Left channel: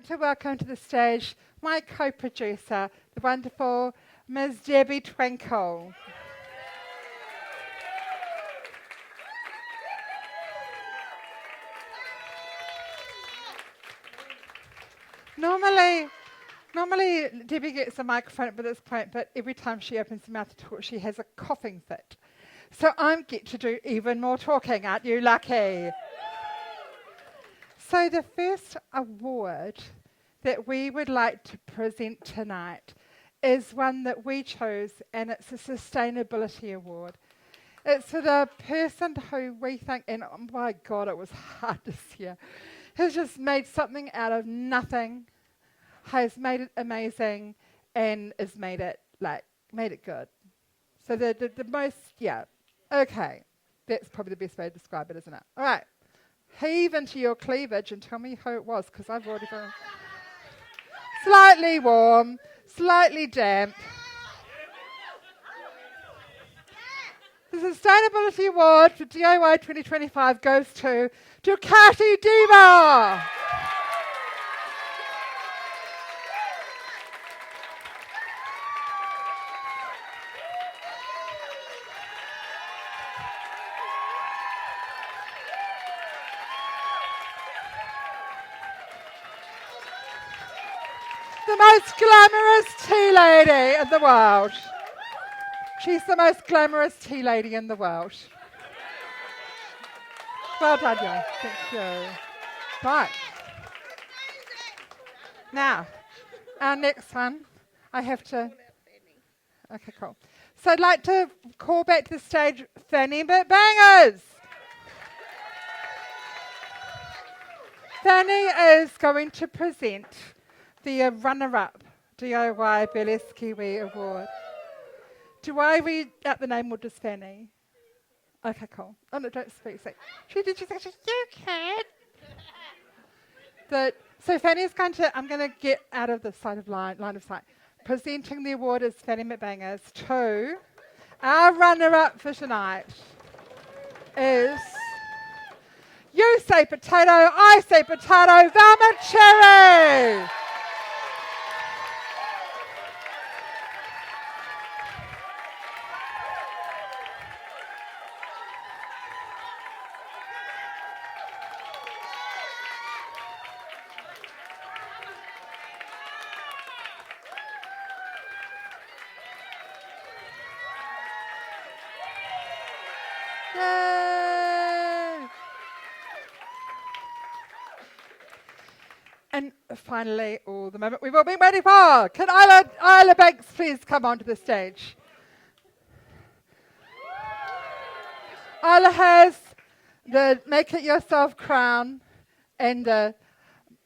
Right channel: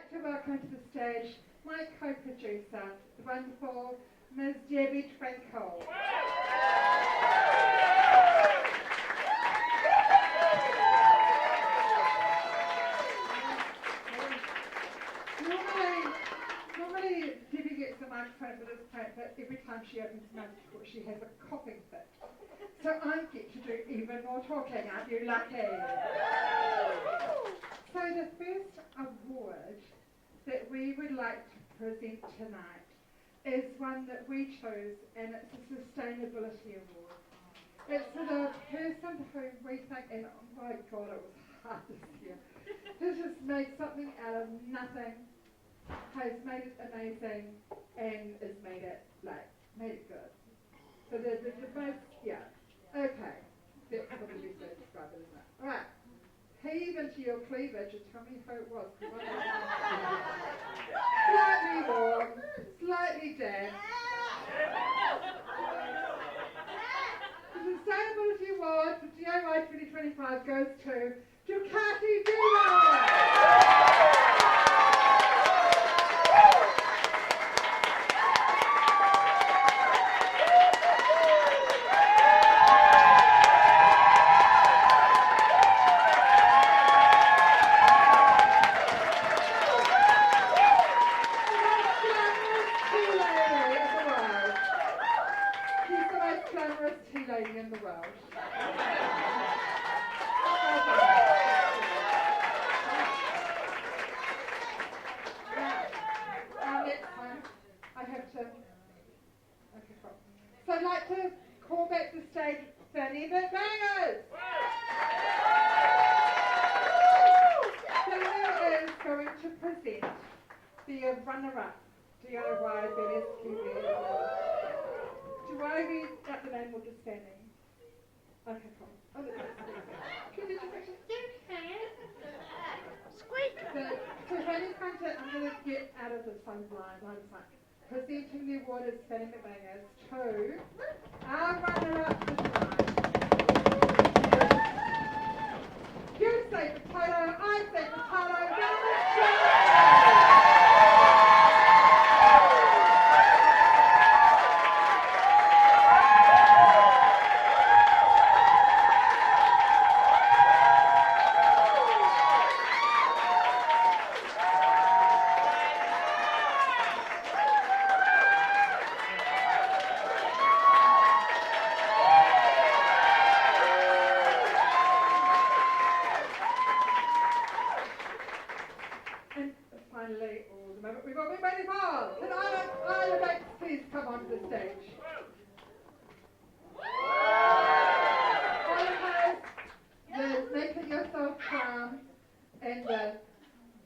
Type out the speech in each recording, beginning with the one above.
like to welcome to the stage my co-producer, the wonderful Ms. Debbie Twinkle. Normally Debbie gets a microphone at this point, but every time she opens her mouth to talk, she has a coughing fit. So I get to do even more talking. Aren't you lucky? So the first award that we would like to present tonight is one that we chose, and it's a sustainability award. It's for the person who we think, and oh my God, it was hard this year, has just made something out of nothing, has made it amazing, and has made it good. So the most, okay, that's probably the best way to describe it, isn't it? All right, heave into your cleavage and tell me who it was, because I've already done. Slightly warm, slightly damp. The Sustainability Award for DIY 2025 goes to Ducati Diva. The most glamorous tea lady in the world. She's the most glamorous tea lady in the world. Well done, dear. Thank you. Right. Now, our next one, I have to... Okay, cool. So I'd like to call back to the stage Fanny Bangers. Fanny is going to present the runner-up DIY Burlesque Kiwi Award. Do I read out the name or just Fanny? Okay, cool. Oh, no, don't speak. She did. She said, you can. Squeak. So Fanny's going to, I'm going to get out of the line of sight. Presenting the award is Fanny McBangers to our runner-up for tonight is You Say Potato, I Say Potato, Velma Cherry. And finally, the moment we've all been waiting for. Can Isla Banks please come onto the stage? Isla has the Make It Yourself crown, and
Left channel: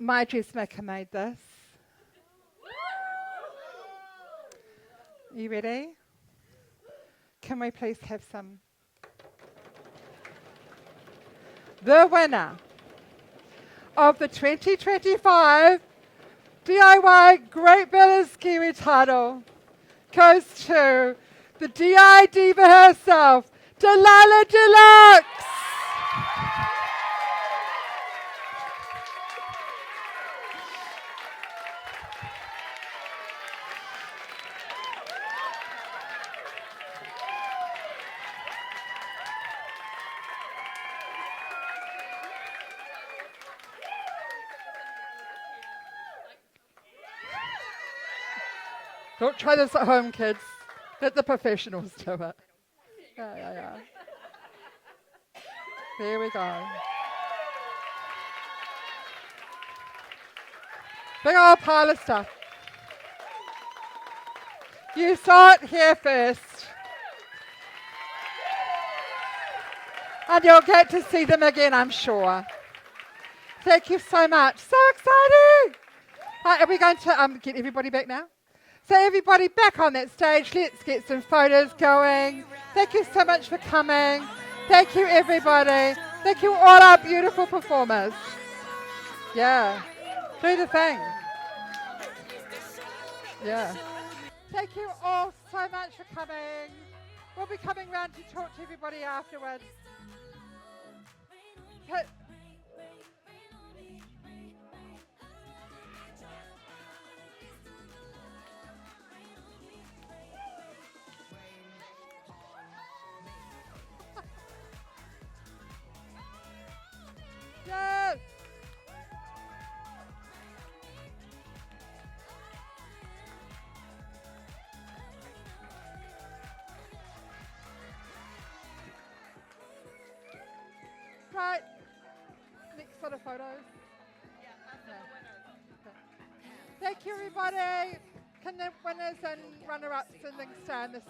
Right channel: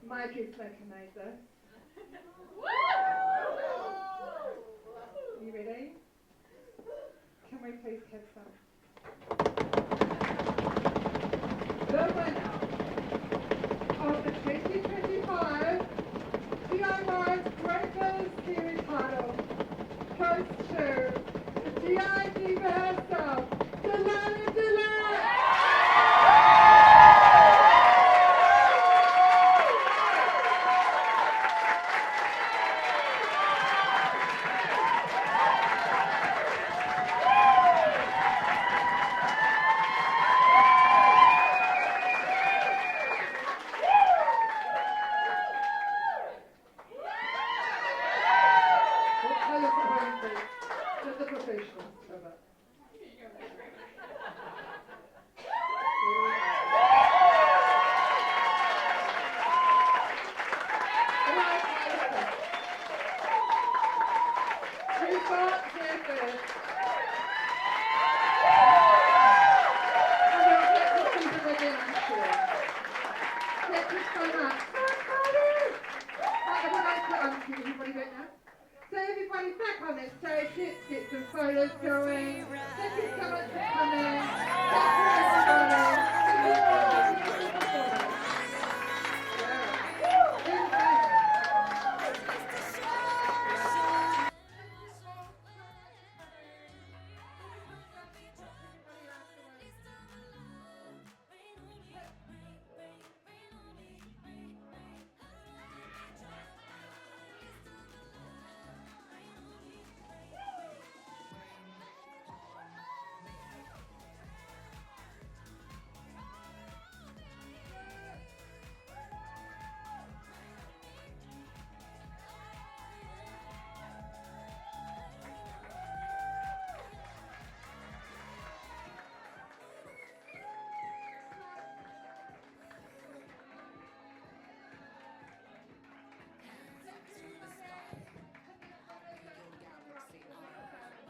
my dressmaker made this. You ready? Can we please have some? The winner of the 2025 DIY Great Burlesque Kiwi title goes to the DI Diva herself, Delilah Deluxe. Don't try this at home, kids. Let the professionals do it. Yeah. There we go. Big old pile of stuff. You saw it here first. And you'll get to see them again, I'm sure. Thank you so much. So exciting! Right, are we going to get everybody back now? So everybody back on that stage, let's get some photos going. Thank you so much for coming. Thank you everybody. Thank you all our beautiful performers. Yeah, do the thing. Yeah. Thank you all so much for coming. We'll be coming round to talk to everybody afterwards. got a photo? Thank you, everybody. Can the winners and runner-ups and things stay on the